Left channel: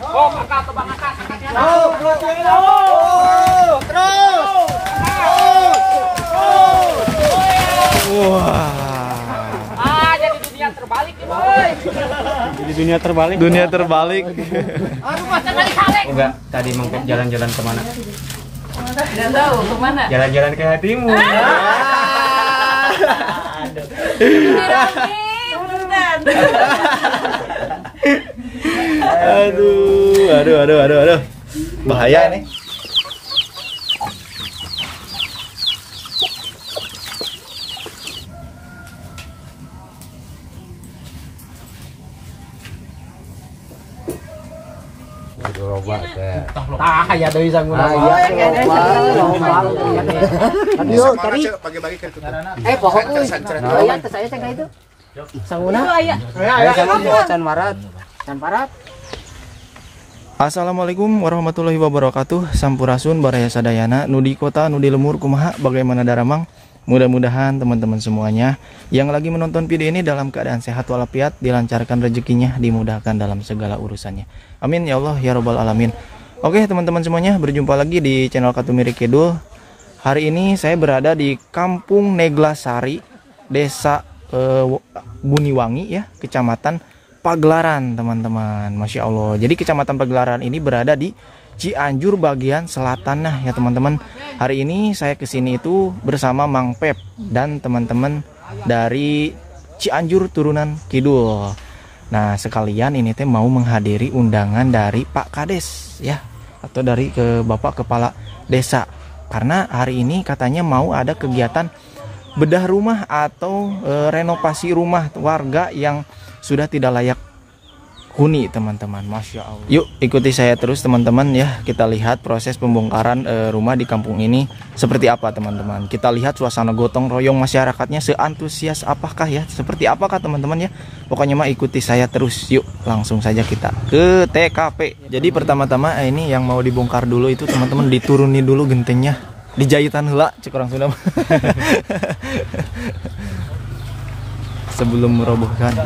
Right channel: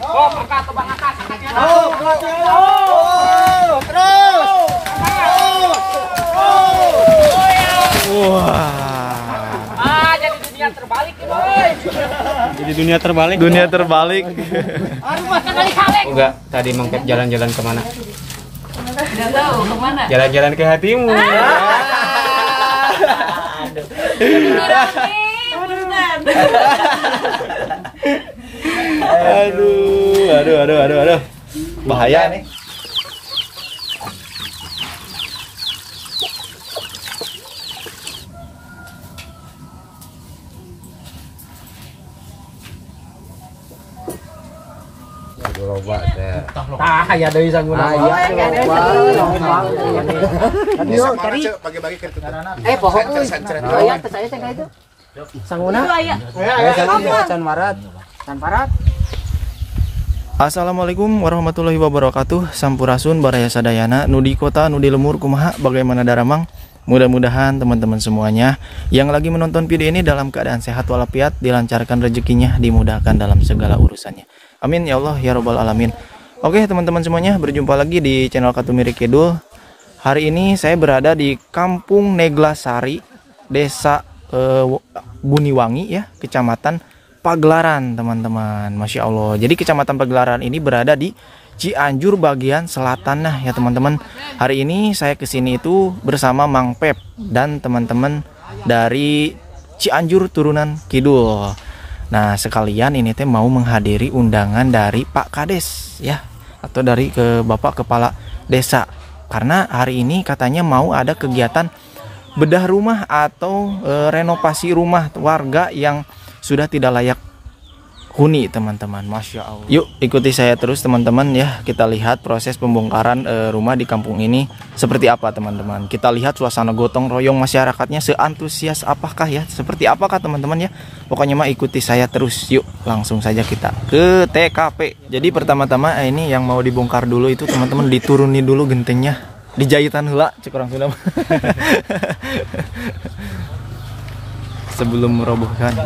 Oh, angkat ke bang atas. Terus. Wah. Jadi dunia terbalik nih, boy. Jadi dunia terbalik. Dunia terbalik. Aduh, masa kali salek. Enggak, tadi mengkep jalan-jalan kemana? Tidak tahu kemana. Jalan-jalan ke hatimu. Aduh. Bahaya nih. Tah aya deui sangguna. Aduh, tadi bagi-bagi ke itu. Pohon aya teh saya cenah itu. Sangguna. Aya can marat. Can parat. Assalamualaikum warahmatullahi wabarakatuh. Sampurasun baraya sadayana nudi kota nudi lemur kumaha bagaimana daramang. Mudah-mudahan teman-teman semuanya yang lagi menonton video ini dalam keadaan sehat walafiat, dilancarkan rezekinya, dimudahkan dalam segala urusannya. Amin ya Allah ya robbal alamin. Oke teman-teman semuanya, berjumpa lagi di channel Katumiri Kidul. Hari ini saya berada di Kampung Neglasari, Desa Buniwangi ya, Kecamatan Pagelaran teman-teman. Masya Allah. Jadi Kecamatan Pagelaran ini berada di Cianjur bagian selatan. Nah ya teman-teman, hari ini saya kesini itu bersama Mang Pep dan teman-teman dari Cianjur turunan Kidul. Nah sekalian ini teh mau menghadiri undangan dari Pak Kades ya, atau dari Bapak Kepala Desa, karena hari ini katanya mau ada kegiatan bedah rumah atau renovasi rumah warga yang sudah tidak layak huni teman-teman. Masya Allah. Yuk ikuti saya terus teman-teman ya, kita lihat proses pembongkaran rumah di kampung ini seperti apa teman-teman. Kita lihat suasana gotong royong masyarakatnya seantusias apakah ya, seperti apakah teman-teman ya. Pokoknya mah ikuti saya terus. Yuk langsung saja kita ke TKP. Jadi pertama-tama ini yang mau dibongkar dulu itu teman-teman, dituruni dulu gentengnya, dijahitan heula cek orang Sunda sebelum merobohkan.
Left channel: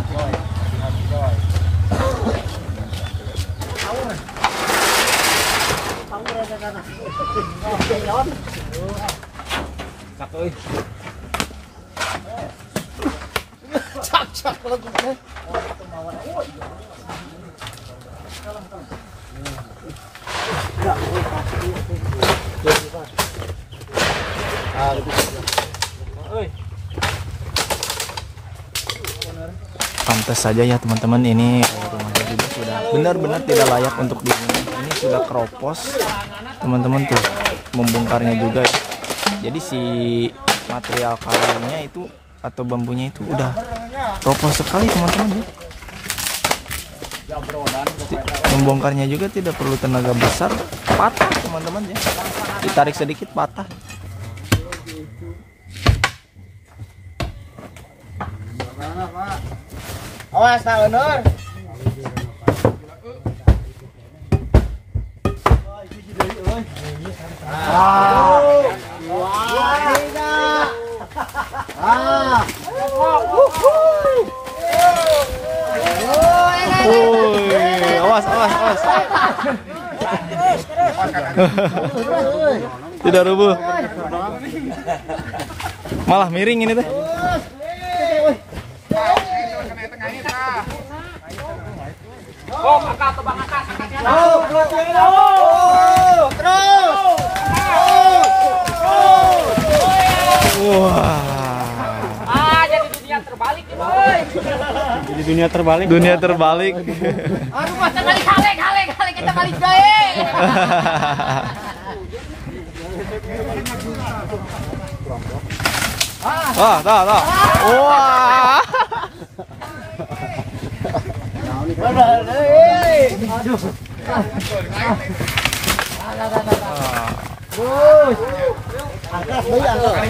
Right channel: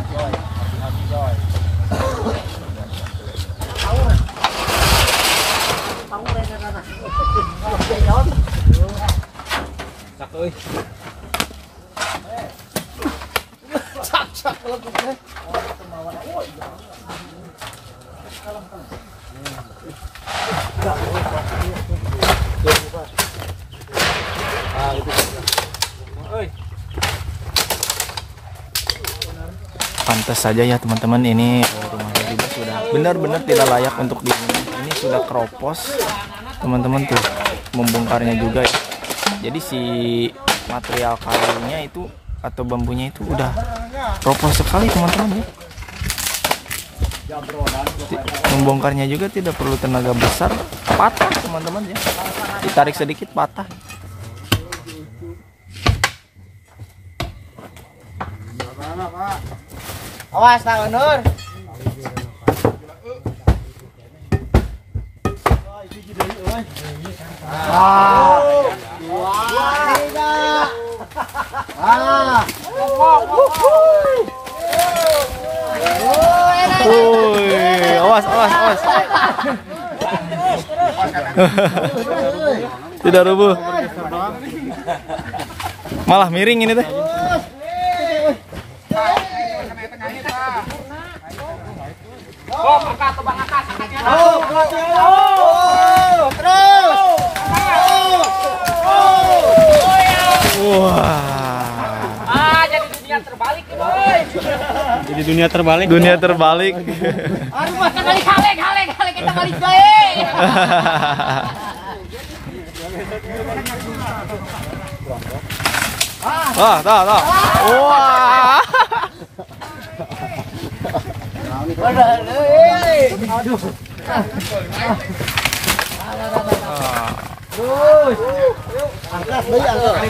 Pantas saja ya teman-teman, ini rumahnya juga sudah benar-benar tidak layak untuk dihuni. Ini sudah keropos teman-teman tuh, membongkarnya juga ya. Jadi si material kayunya itu atau bambunya itu udah keropos sekali teman-teman ya. Membongkarnya juga tidak perlu tenaga besar, patah teman-teman ya, ditarik sedikit patah. Awas tak Nur. Awas. Tidak rubuh. Malah miring ini teh. Oh, angkat ke bang atas. Terus. Wah. Jadi dunia terbalik nih, boy. Jadi dunia terbalik. Dunia terbalik. Aduh, masa kali salek kita kali bae. Wah. Wah. Aduh. Terus. Angkat bayi angkat.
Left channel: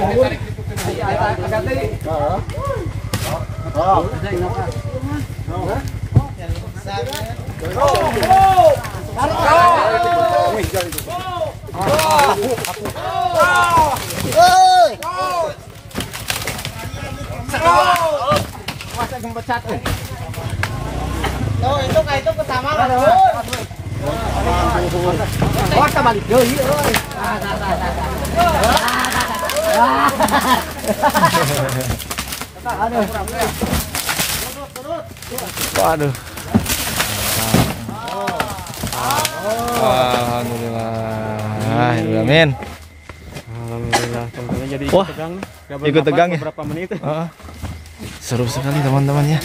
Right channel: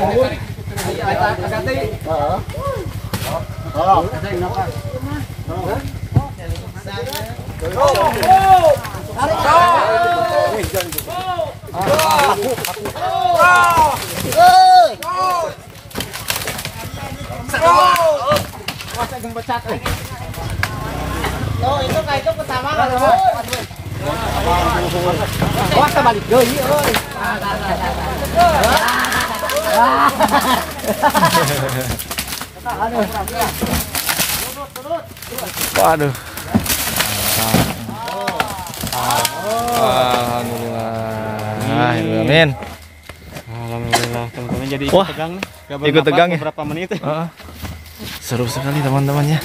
Itu pertama kan. Wah, kita balik deui euy. Aduh. Waduh. Alhamdulillah. Amin. Alhamdulillah. Teman-teman jadi Wah, tegang. ikut tegang ya? Berapa menit? Seru sekali teman-teman ya.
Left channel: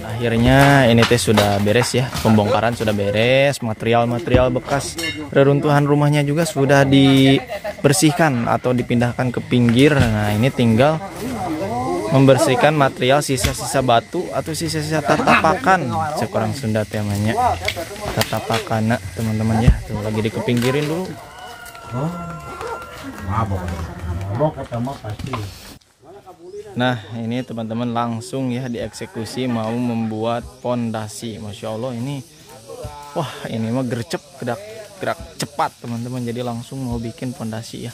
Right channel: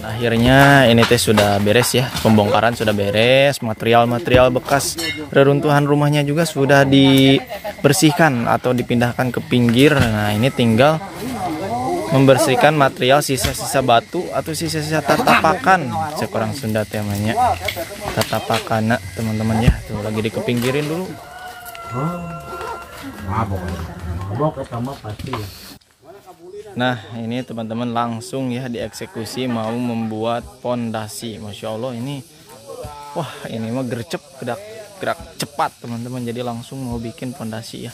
Akhirnya ini teh sudah beres ya, pembongkaran sudah beres, material-material bekas reruntuhan rumahnya juga sudah dibersihkan atau dipindahkan ke pinggir. Nah ini tinggal membersihkan material sisa-sisa batu atau sisa-sisa tatapakan, sekurang Sunda temanya tatapakana teman-teman ya. Tuh lagi dikepinggirin dulu. Nah ini teman-teman langsung ya dieksekusi mau membuat pondasi. Masya Allah ini, wah ini mah gercep gerak cepat teman-teman, jadi langsung mau bikin pondasi ya.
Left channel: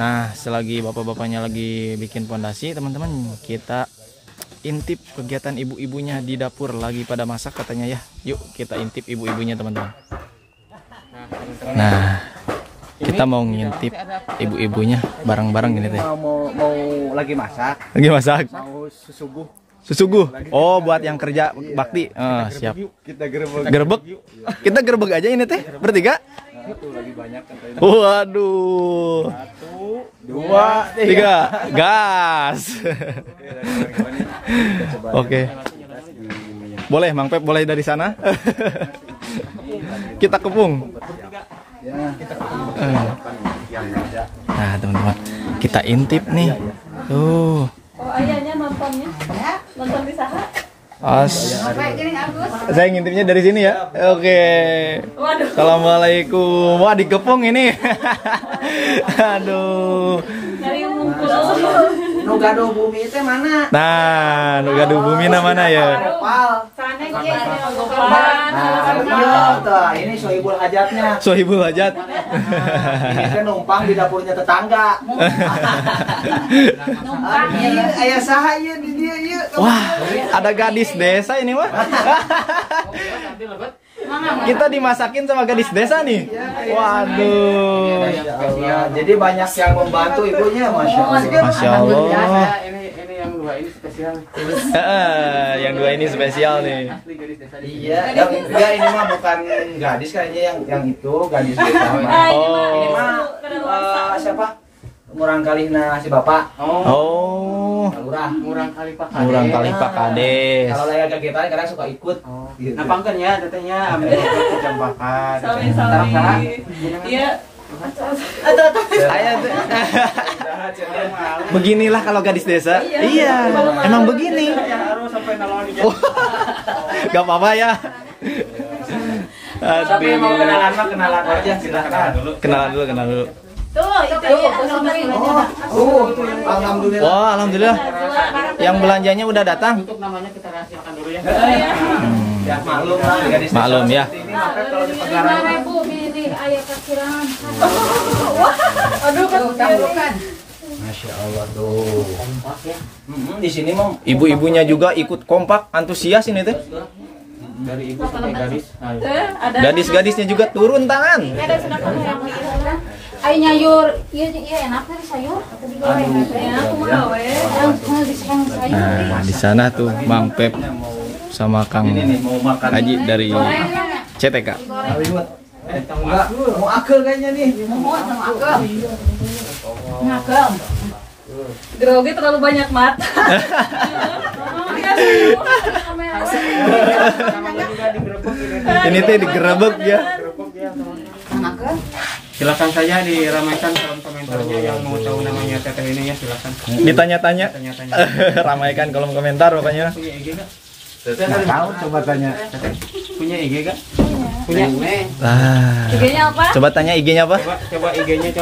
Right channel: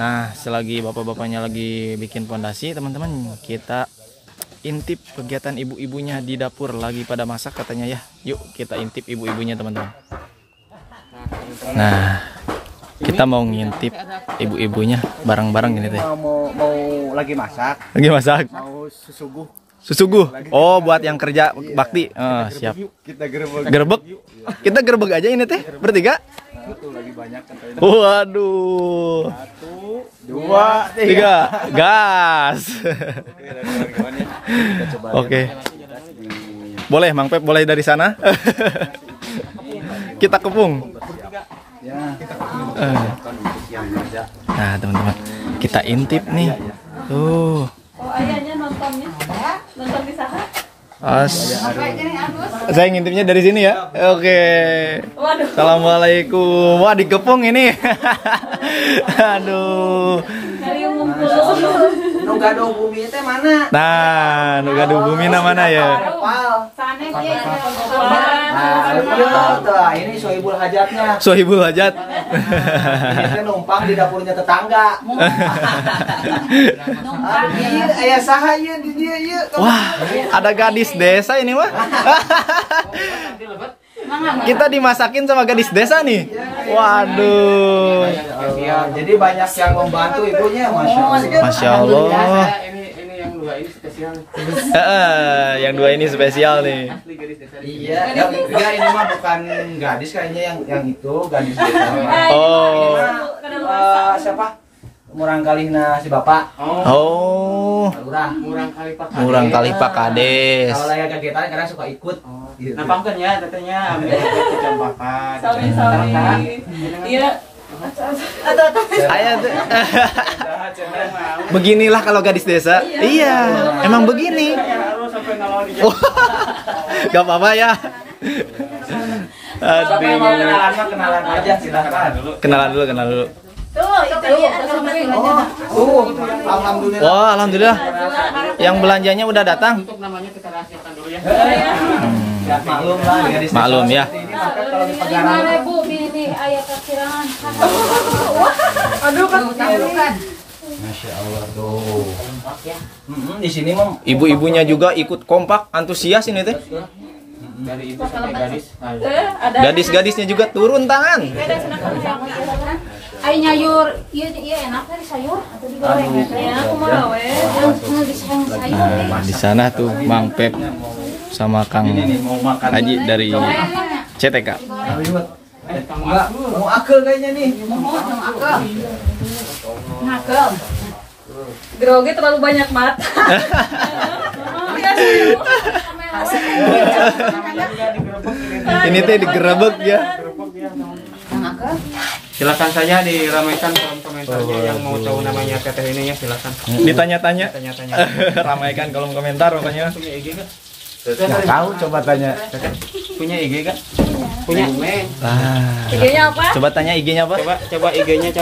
Nah selagi bapak-bapaknya lagi bikin pondasi teman-teman, kita intip kegiatan ibu-ibunya di dapur, lagi pada masak katanya ya. Yuk kita intip ibu-ibunya teman-teman. Nah kita mau ngintip ibu-ibunya bareng-bareng ini teh. Mau lagi masak. Lagi masak. Mau susuguh. Susuguh. Oh, buat yang kerja bakti. Siap. Kita gerebek. Gerbek. Kita gerbek aja ini teh bertiga. Lagi banyak katanya. Waduh. 1, 2, 3. Gas. Oke. Boleh Mang Pep, boleh dari sana. Kita kepung. Nah teman-teman, kita intip nih. Tuh. Oh ayahnya nontonnya? Nonton di saha? Saya ngintipnya dari sini ya. Oke. Waduh. Assalamualaikum. Wah dikepung ini. Aduh. Dari ngumpul. Nu gaduh bumi teh mana? Nah, nu gaduh bumi mana ya? Sana ge Ini Sohibul Hajatnya. Sohibul Hajat. Kita numpang di dapurnya tetangga. Ayah saha ieu di dieu ieu. Wah, ada gadis desa ini mah. Kita dimasakin sama gadis desa nih. Waduh. Jadi banyak yang membantu ibunya, Masya Allah. Masya Allah. Ini yang dua ini spesial. Yang dua ini spesial nih. Iya, enggak ini mah bukan gadis kayaknya yang itu gadis desa. Oh. Siapa? Murang kalihna si bapak. Oh. Lurah. Murang kali Pak. Murang kali Pak Kades. Kalau lagi kegiatan kadang suka ikut. Nah, pangkeun ya tetenya ame kecamatan. Sawi-sawi. Iya. Beginilah kalau gadis desa. Iya, emang begini. Oh, gak apa-apa ya. Tapi mau kenalan aja silakan. Kenalan dulu. Alhamdulillah. Wah, alhamdulillah. Yang belanjanya udah datang. Untuk namanya kita rahasiakan dulu ya. Maklum lah gadis. Maklum ya. Kalau di Pegarang. Bu, ini ayah kekirangan. Aduh, kan. Masya Allah tuh. Di sini mah Ibu-ibunya juga ikut kompak, antusias ini teh. Dari ibu sampai gadis. Gadis-gadisnya juga turun tangan. Ay nyayur, iya enak kan sayur atau digoreng ya? Aku mau yang disayang sayur. Nah, di sana tuh Mang Pep sama Kang Haji dari CTK. enggak mau akel kayaknya nih. Ngagem. Grogi terlalu banyak mat. Ini teh digerebek ya. Silakan saja diramaikan kolom komentarnya yang mau tahu namanya teteh ini ya, silakan. Ditanya-tanya. Tanya-tanya. Ramaikan kolom komentar pokoknya. Punya IG enggak? Tahu coba tanya. Punya IG enggak? Punya. IG-nya apa? Coba tanya IG-nya apa? Coba IG-nya,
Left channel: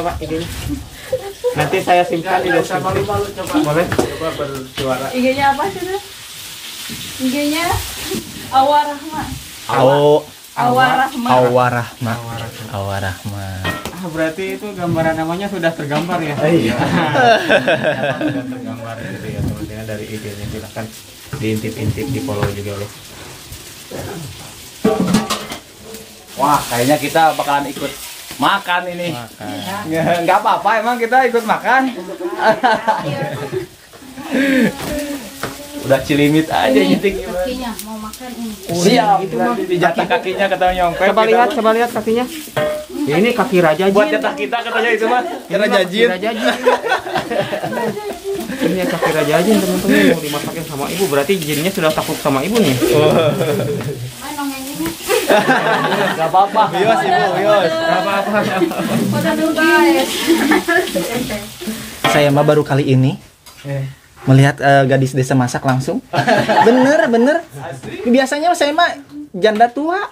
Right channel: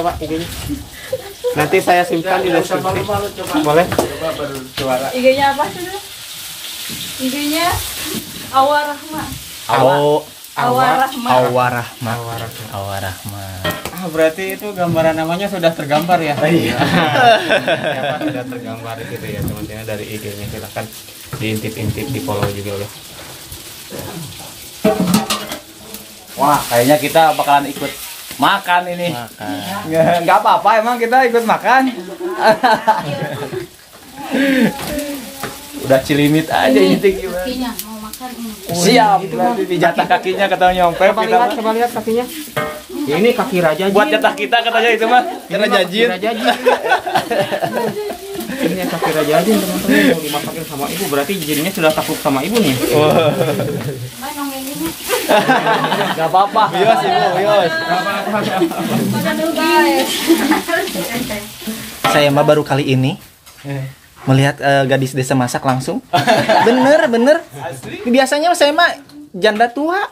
Nanti saya simpan di deskripsi. Boleh? Coba bersuara. IG-nya apa sih? IG-nya Awarahma. Awarahma. Berarti itu gambaran namanya sudah tergambar ya? Oh iya. Sudah tergambar gitu ya teman-teman dari IG ini. Silahkan diintip-intip, di follow juga ya. Wah, kayaknya kita bakalan ikut makan ini. Makan. Ya, nggak apa-apa, emang kita ikut makan. Udah cilimit aja Ini ini. kakinya mau makan ini. Siap, di jatah kakinya katanya nyongkel. Coba lihat kakinya. Ya, ini kaki raja jin. Buat jatah kita katanya itu mah. Kira jajin. Raja jin. Ini kaki raja jin teman-teman, mau dimasakin sama ibu, berarti jinnya sudah takut sama ibu nih. Main dong ini. Gak apa-apa. Bios ibu, bios. Aduh guys. Saya mah baru kali ini melihat gadis desa masak langsung. Bener. Biasanya saya mah janda tua.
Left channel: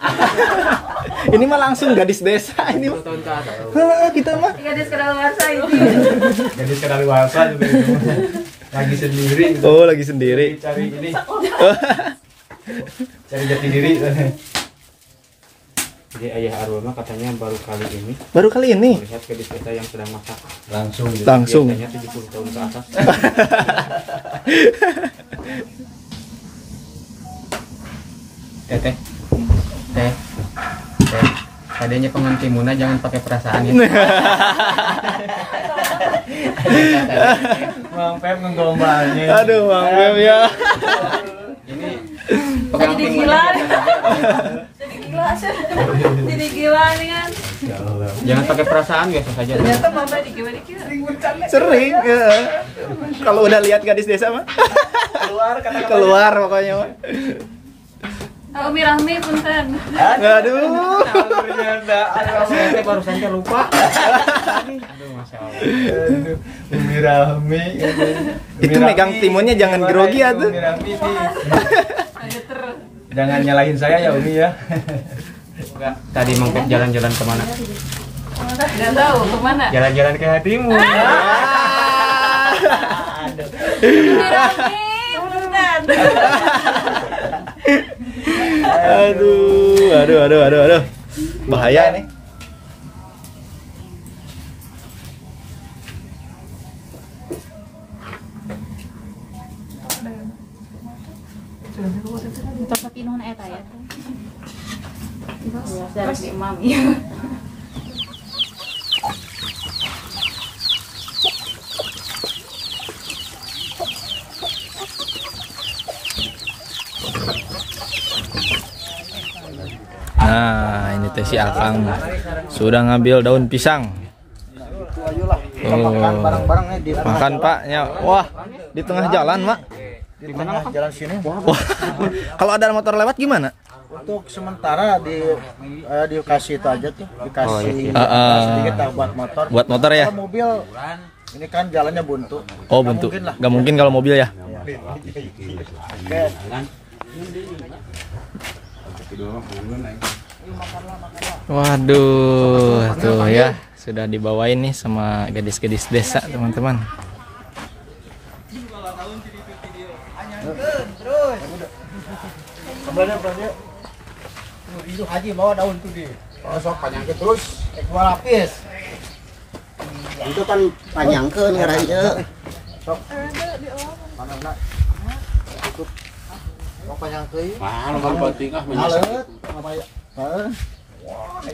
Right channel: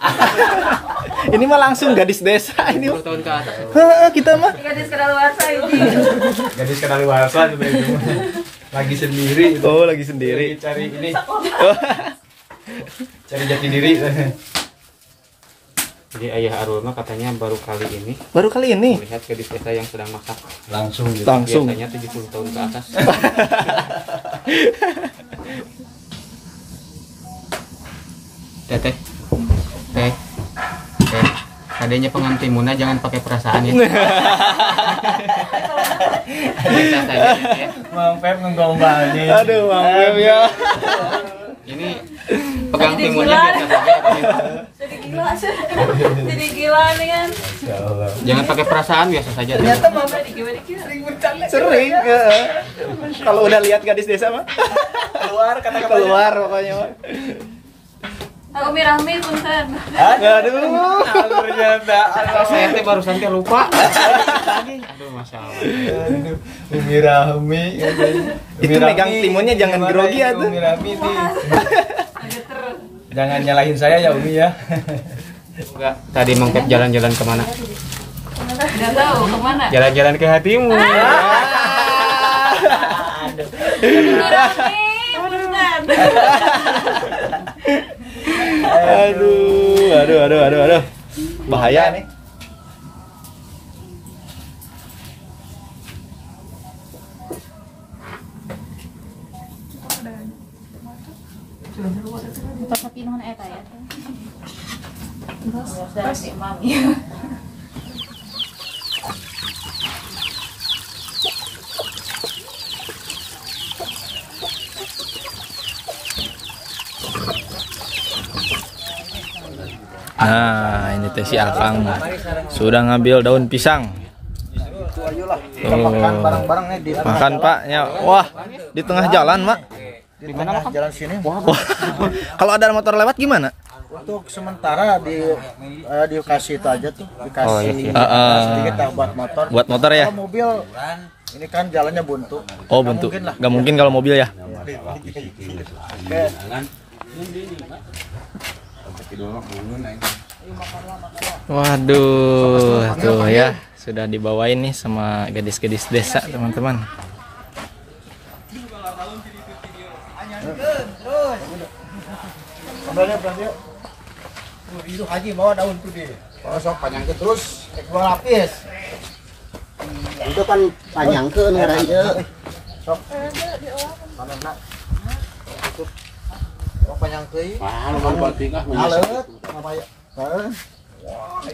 Ini mah langsung gadis desa ini. Kita mah Gadis kadaluarsa ini. Gadis kadaluarsa juga itu. Lagi sendiri. Oh, lagi sendiri. Cari ini. Cari jati diri. Jadi ayah Arul mah katanya baru kali ini melihat gadis desa yang sedang masak langsung. Biasanya 70 tahun ke atas. Teh. Adanya pengantin Muna jangan pakai perasaan ya. Mang Pep menggombal nih. Aduh, Mang Pep ya. Ini pegang timunnya. Jadi gila nih kan. Jangan pakai perasaan, biasa saja. Ternyata mama dikira-dikira. Sering. Kalau udah lihat gadis desa mah keluar pokoknya mah. Umi Rahmi punten. Aduh. Saya teh barusan teh lupa. Aduh, Masya Allah. Umi Rahmi. Itu megang timunnya jangan grogi atuh. Umi Rahmi Ada terus. jangan nyalahin saya ya Umi ya. Enggak, tadi Mang Pep jalan-jalan kemana? Tidak tahu kemana. Jalan-jalan ke hatimu. Umi Rahmi punten. Aduh. Bahaya nih. Tapi nuhun eta ya. Terus mami. Nah, ini teh si Akang sudah ngambil daun pisang. Makan Pak, ya. Wah, di tengah jalan, Mak. Di tengah jalan sini. Wah, kalau ada motor lewat gimana? Untuk sementara dikasih itu aja tuh, dikasih sedikit lah buat motor. Buat motor ya? Kalau mobil ini kan jalannya buntu. Oh, buntu. Gak mungkin kalau mobil ya? Oke. Waduh, tuh ya, sudah dibawain nih sama gadis-gadis desa, teman-teman. Itu Haji bawa daun tuh di. Oh, sok panjang ke terus, dua lapis. Itu kan panjang ke ngaranya. Sok. Mana nak? Tutup. Sok panjang teuing. Mana bang penting ah menyesat.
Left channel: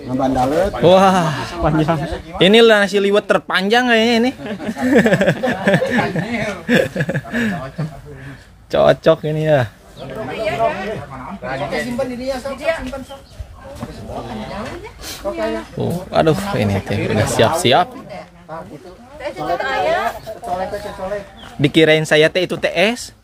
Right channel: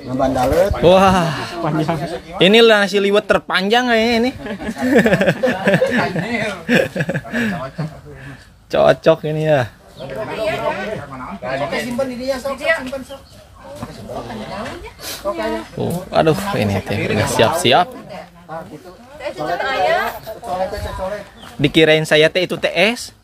Ngebandalet. Wah, panjang. Inilah nasi liwet terpanjang kayaknya ini. Cocok ini ya. Oke, simpan di dia, sok simpan sok. Aduh, ini teh udah siap-siap. Dikirain saya teh itu TS.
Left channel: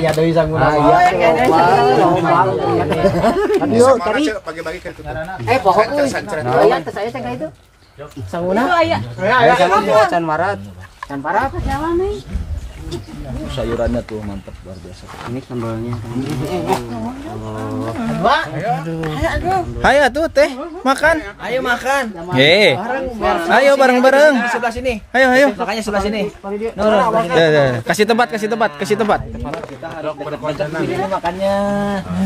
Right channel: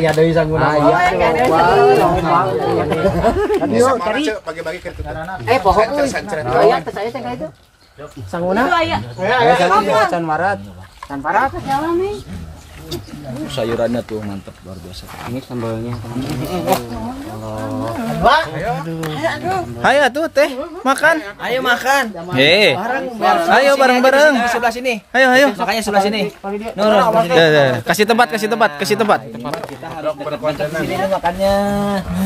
Ya dari sangguna Bagi-bagi ke pohon ya saya cengkah itu sangguna can marat can parat Jalan nih. Sayurannya tuh mantap luar biasa. Ini sambalnya. Ayo tuh teh makan. Ayo makan. Ayo bareng-bareng. Di sebelah sini. Ayo. Makanya sebelah sini. Kasih tempat. Kita harus berkontenan. Ini makannya.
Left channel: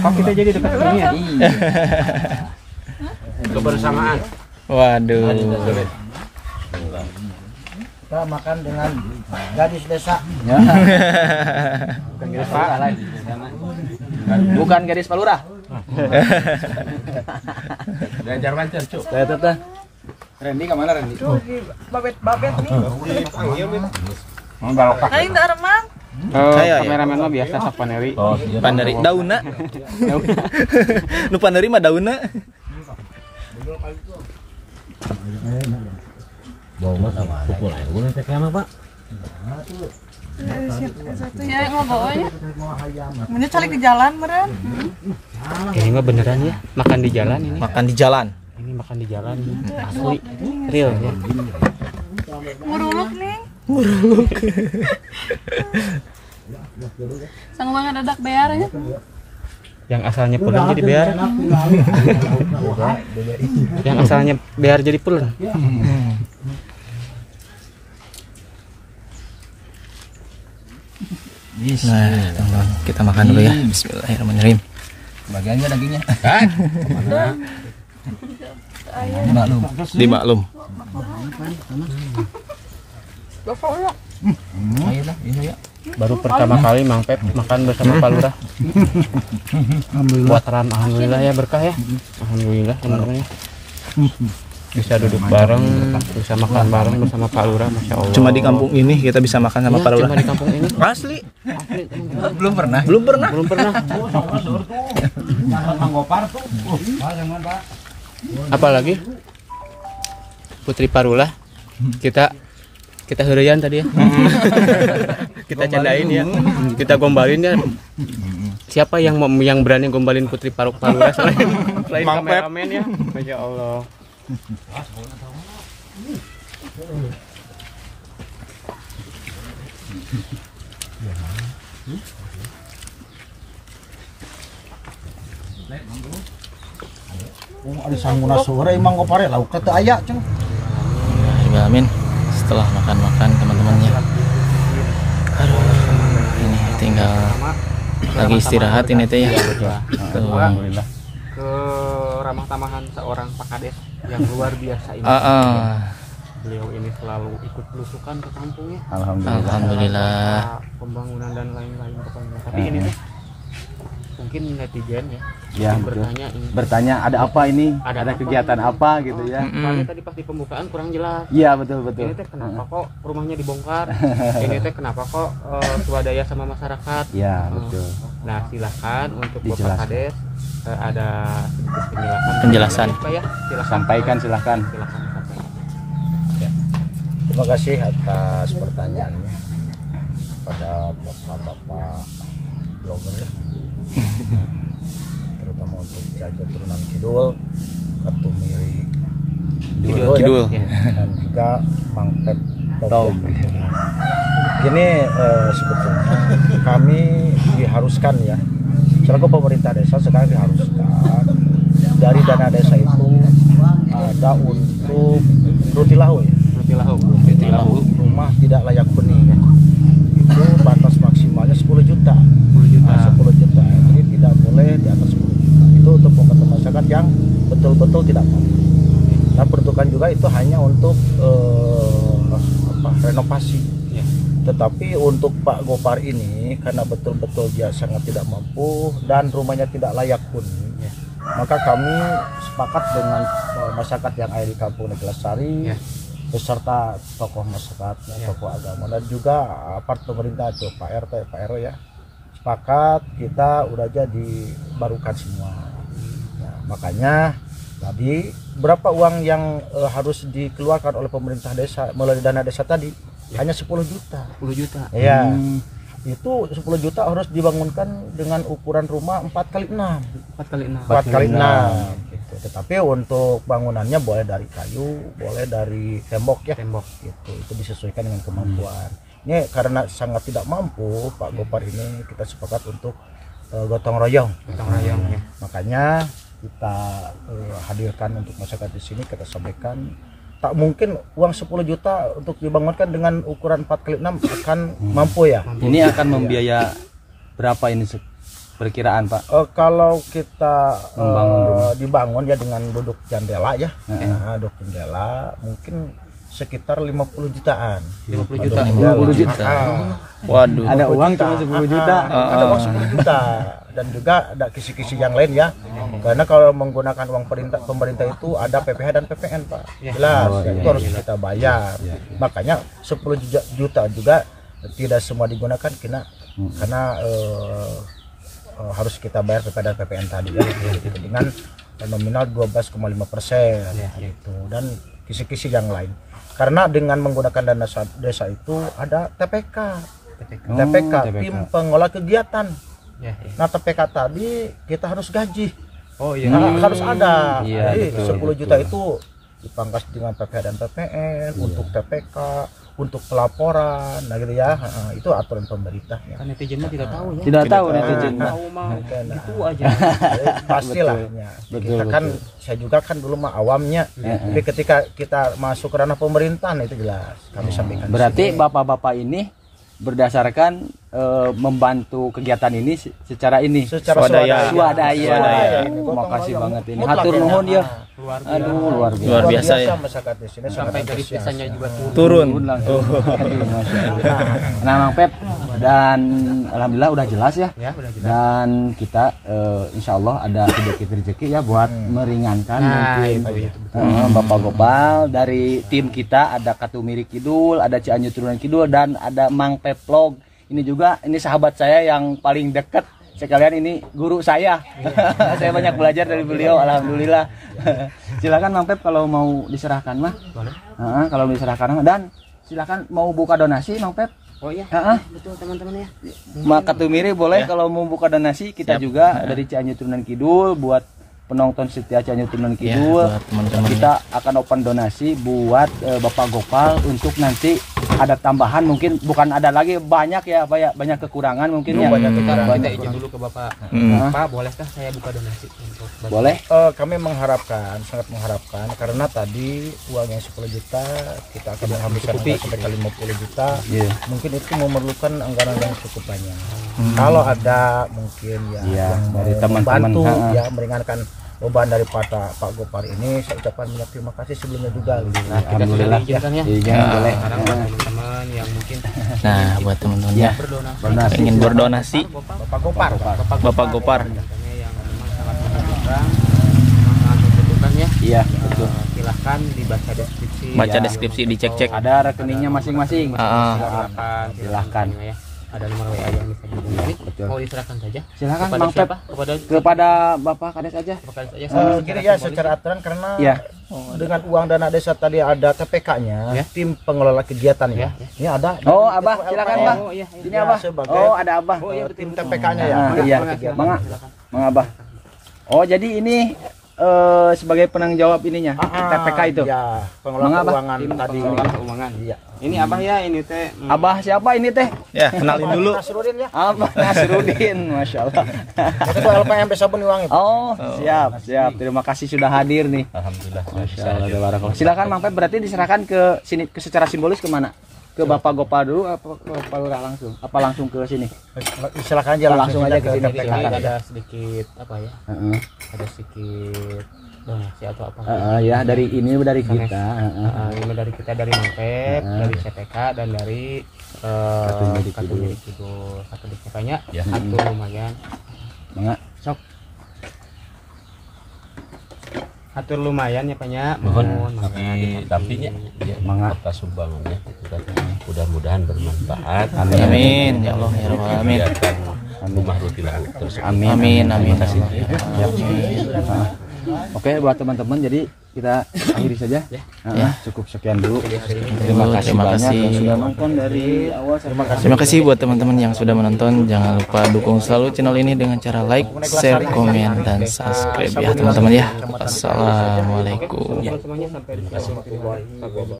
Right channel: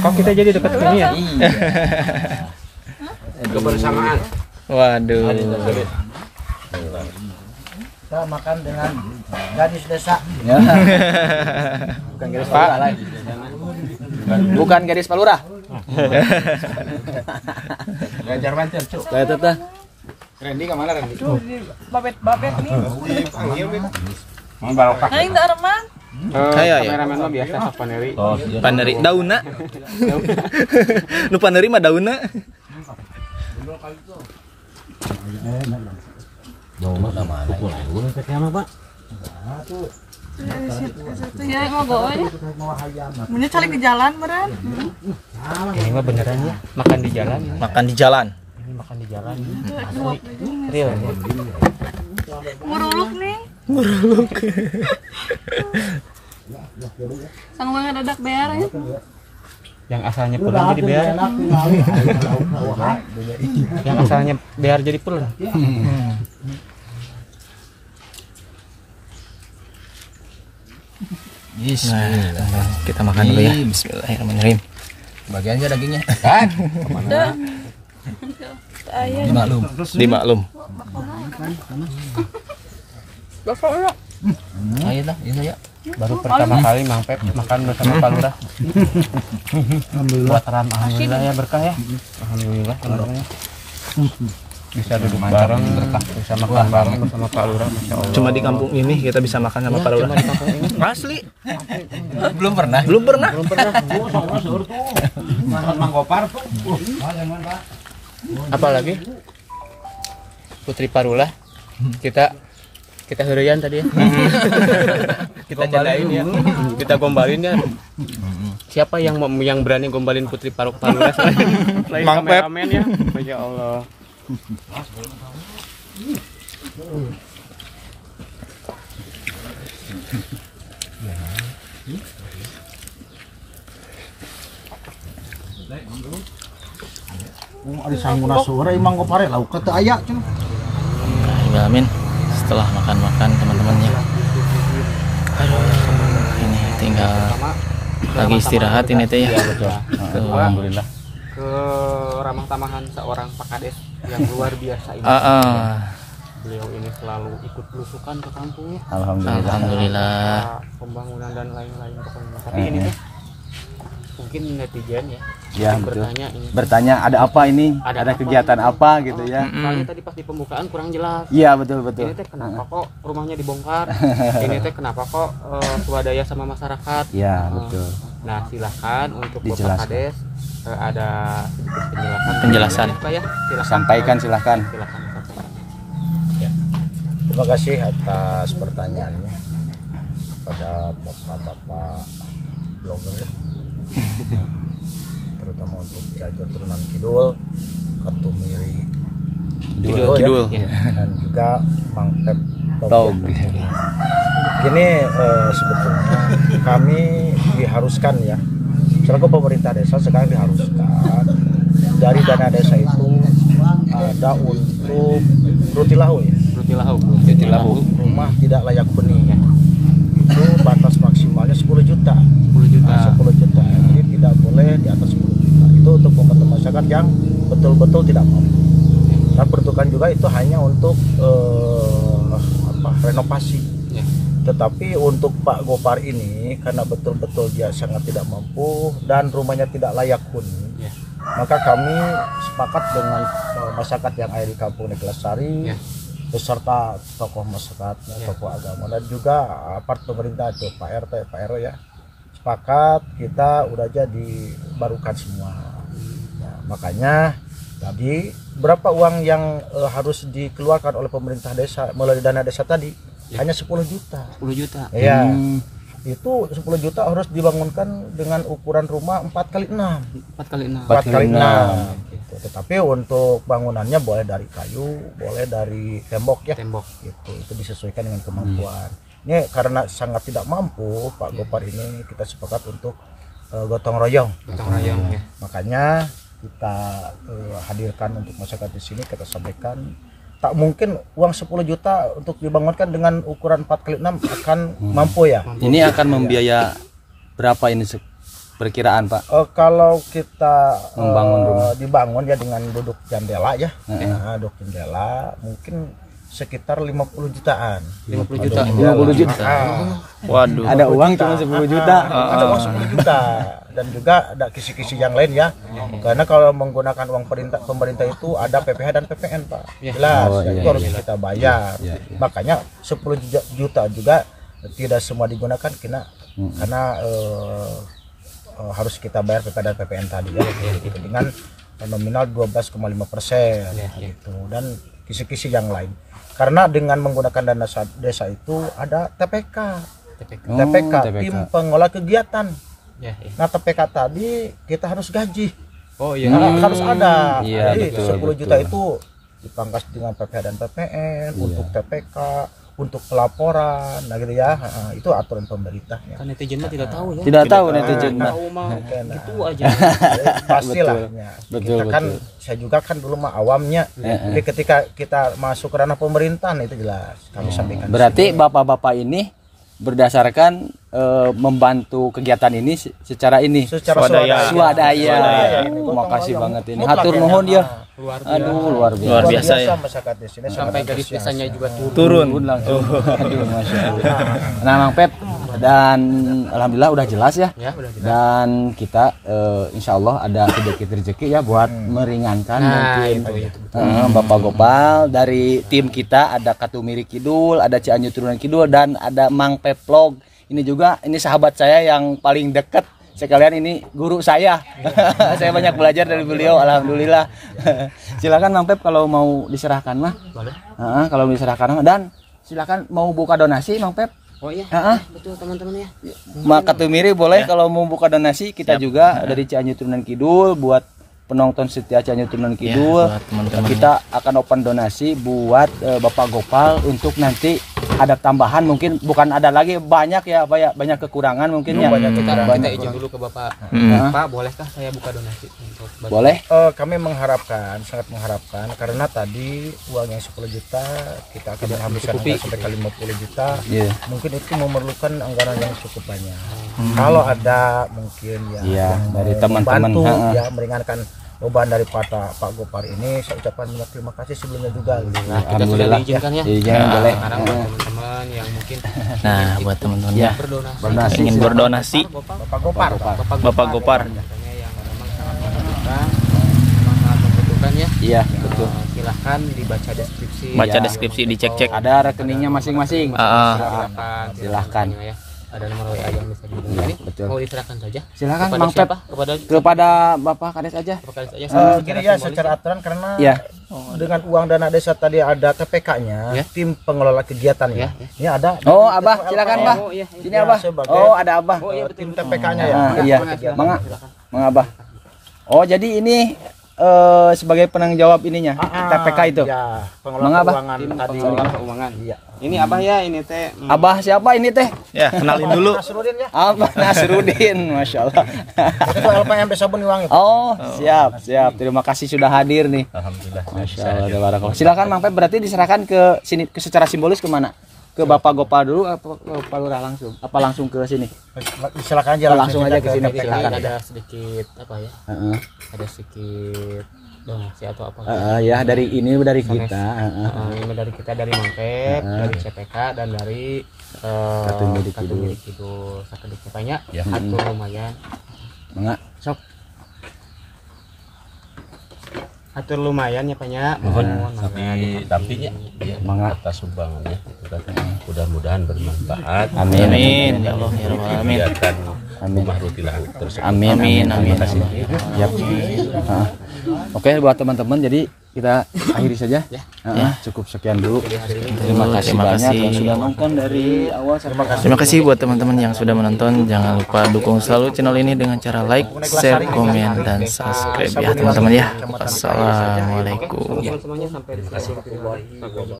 Kok kita jadi dekat sini ya? Kebersamaan. Waduh. Kita makan dengan gadis desa. Bukan gadis Pak. Bukan gadis Palura. Ganjar Banten, Cuk. Kayak teteh. Randy kemana Randy? Babet nih. Mau barokah. Aing teu arman. Kayak ya. Kameramen mah biasa sok paneri. Paneri dauna. Nu paneri mah dauna. Ya mau bawa ya. Mending cari ke jalan meren. Ini mah beneran ya, makan di jalan ini. Makan di jalan. Ini makan di jalan. Asli. Real ya. Nguruluk nih. Sang bang dadak bear ya. Yang asalnya pulang jadi bear. Yang asalnya bear jadi pulang. Nah, teman-teman, kita makan dulu ya. Bismillahirrahmanirrahim. Bagiannya dagingnya. Kan? Dimaklum. Iya. Baru pertama kali Mang Pep makan bersama Pak Lurah. Alhamdulillah ya, berkah ya. Alhamdulillah teman-teman. Bisa duduk bareng, bisa makan bareng bersama Pak Lurah, Masya Allah. Cuma di kampung ini kita bisa makan sama Pak Lurah. Cuma di kampung ini. Asli. Belum pernah. Belum pernah. Apalagi Putri Parula kita heureyan tadi ya. Kita candain ya. Kita gombalin ya. Siapa yang berani gombalin Putri Parula selain kameramen ya? Masya Allah. Ada sangguna sore emang kok pare lauk teh aya cenah. Amin. Setelah makan-makan teman-temannya. Aduh, ini tinggal lagi istirahat ini teh ya. Tuh. Alhamdulillah. Ramah tamahan seorang Pak Kades yang luar biasa ini. Beliau ini selalu ikut belusukan ke kampungnya. Alhamdulillah. Pembangunan dan lain-lain. Tapi ini tuh mungkin netizen ya. Ya, bertanya ada apa ini? Ada kegiatan apa gitu ya? Tadi pas di pembukaan kurang jelas. Iya, betul. Ini teh kenapa kok rumahnya dibongkar? Ini teh kenapa kok swadaya sama masyarakat? Iya, betul. Nah, silakan untuk dijelaskan. Bapak Kades ada Penjelasan. Ya, Sampaikan silakan. Ya. Terima kasih atas pertanyaannya pada bapak-bapak blogger ya. Terutama untuk Cianjur Turunan Kidul, Katumiri Kidul. Ya. Dan juga Mang Pep Top. Gini sebetulnya kami diharuskan ya, selaku pemerintah desa sekarang diharuskan dari dana desa itu ada untuk rutilahu ya. Rutilahu rumah tidak layak huni ya. Itu batas maksimalnya 10 juta. 10 juta. Jadi tidak boleh di atas 10 juta. Itu untuk membantu masyarakat yang betul-betul tidak mampu. Dan peruntukan juga itu hanya untuk renovasi. Ya. Tetapi untuk Pak Gopar ini karena betul-betul dia sangat tidak mampu dan rumahnya tidak layak huni. Ya. Maka kami sepakat dengan masyarakat yang ada di Kampung Neglasari. Ya. Beserta tokoh masyarakat, tokoh agama dan juga apart pemerintah itu Pak RT, Pak RW ya. Sepakat kita udah jadi barukan semua. Ya, makanya tadi berapa uang yang harus dikeluarkan oleh pemerintah desa melalui dana desa tadi? Ya. Hanya 10 juta. 10 juta. Ya. Itu 10 juta harus dibangunkan dengan ukuran rumah 4x6. 4x6 gitu. Tetapi untuk bangunannya boleh dari kayu, boleh dari tembok ya. Tembok. Gitu. Itu disesuaikan dengan kemampuan. Ini karena sangat tidak mampu Pak Gopar ini, kita sepakat untuk gotong royong. Ya. Makanya kita hadirkan untuk masyarakat di sini, kita sampaikan tak mungkin uang 10 juta untuk dibangunkan dengan ukuran 4x6 akan mampu ya. Ini akan membiaya berapa ini perkiraan Pak? Kalau kita dibangun ya dengan duduk jendela ya, nah, duduk jendela mungkin sekitar 50 jutaan. 50 juta. 50 juta. Waduh. Ada uang cuma 10 juta. Ada uang 10 juta dan juga ada kisi-kisi yang lain ya. Karena kalau menggunakan uang pemerintah itu ada PPh dan PPN Pak. Jelas, itu harus kita bayar. Makanya 10 juta juga tidak semua digunakan karena harus kita bayar PPh dan PPN tadi ya. Dengan nominal 12,5% gitu, dan kisi-kisi yang lain. Karena dengan menggunakan dana desa itu ada TPK, tim pengelola kegiatan. Nah TPK tadi kita harus gaji, harus ada. Jadi 10 juta itu dipangkas dengan PPh dan PPN untuk TPK, untuk pelaporan, nah gitu ya. Itu aturan pemerintahnya. Kan netizennya tidak tahu ya. Tidak tahu netizen. Gitu aja. Pastilah ya. Kita kan, saya juga kan dulu mah awamnya. Jadi ketika kita masuk ke ranah pemerintahan itu jelas kami sampaikan. Berarti bapak-bapak ini berdasarkan membantu kegiatan ini secara ini Swadaya. Makasih banget ini. Hatur nuhun ya. Aduh Luar biasa ya. Masyarakat di sini sangat Sampai garis antusias. desanya juga Turun. Aduh, Masya Allah. Nah Mang Pep, dan alhamdulillah udah jelas ya. udah jelas. Dan kita insya Allah ada rezeki ya buat meringankan mungkin Bapak Gopal. Dari tim kita ada Katumiri Kidul, ada Cianjur Turunan Kidul, dan ada Mang Pep Vlog. Ini juga sahabat saya yang paling dekat. Sekalian ini guru saya. Saya banyak belajar dari beliau, alhamdulillah. Silakan Mang Pep kalau mau diserahkan mah. Boleh. Kalau diserahkan dan silakan mau buka donasi Mang Pep. Oh iya. Betul teman-teman ya. Maka Tumiri boleh kalau mau buka donasi, kita juga dari Cianjur Turunan Kidul buat penonton setia Cianjur Turunan Kidul. Buat teman-teman Kita akan open donasi buat Bapak Gopal untuk nanti ada tambahan, mungkin bukan ada lagi, banyak ya Pak ya, banyak kekurangan mungkin ya. Kita izin dulu ke Bapak. Pak, bolehkah saya buka donasi untuk Bapak? Boleh. Kami mengharapkan, sangat mengharapkan, karena tadi uang yang 10 juta kita akan menghabiskan anggaran sampai ke 50 juta. Mungkin itu memerlukan anggaran yang cukup banyak. Kalau ada mungkin yang mau dari teman-teman membantu ya meringankan beban dari Pak Gopar ini, saya ucapkan banyak terima kasih sebelumnya juga. Kita sudah diizinkan ya. Boleh. Sekarang teman-teman yang mungkin Nah, buat teman-teman ya berdonasi, ingin berdonasi, Bapak Gopar. Bapak Gopar. Iya, betul. Silahkan dibaca deskripsi. Baca deskripsi, dicek-cek. Ada rekeningnya masing-masing. Silahkan ya. Ada nomor WA yang bisa dihubungi. Betul. Mau diserahkan saja. Silakan Kepada Mang Pep. siapa? Kepada Bapak Kades aja. Gini ya, secara aturan karena dengan uang dana desa tadi ada TPK-nya, tim pengelola kegiatan ya. Ini ada. Oh, Abah, silakan Abah. Ini Abah. Sebagai Oh, ada Abah. tim TPK-nya ya. Iya, Mang Abah. Oh, jadi ini sebagai penanggung jawab ininya, TPK itu. Ya, pengelola keuangan tadi. Keuangan. Iya. Ini Abah ya, ini teh. Abah siapa ini teh? Ya, kenalin dulu. Nasrudin ya. Abah Nasrudin, Masya Allah. Ketua LPM Desa Beni Wangi. Oh, siap. Terima kasih sudah hadir nih. Alhamdulillah. Masya Allah. Silakan Mang Pep, berarti diserahkan ke sini, ke secara simbolis kemana? Ke Bapak Gopal dulu atau ke Pak Lurah langsung? Apa langsung ke sini? Silakan aja langsung aja ke sini. TPK. Ada sedikit apa ya? Ada sedikit donasi atau apa? Ya dari kita. Ini dari kita, dari Mang Pep, dari CPK, dan dari Katumiri Kidul. Sedikit banyak, satu lumayan. Mangga, sok. Atur lumayan ya Pak ya. Mohon didampingi ya, atas sumbangannya itu kan. Mudah-mudahan bermanfaat. Amin ya Allah ya Rabbal alamin. Kegiatan rumah rutin terus. Amin ya Allah. Oke, buat teman-teman, jadi kita akhiri saja. Cukup sekian dulu. Terima kasih yang sudah nonton dari awal. Terima kasih buat teman-teman yang sudah menonton. Jangan lupa dukung selalu channel ini dengan cara like, share, komen, dan subscribe ya teman-teman ya. Wassalamualaikum. Semuanya sampai di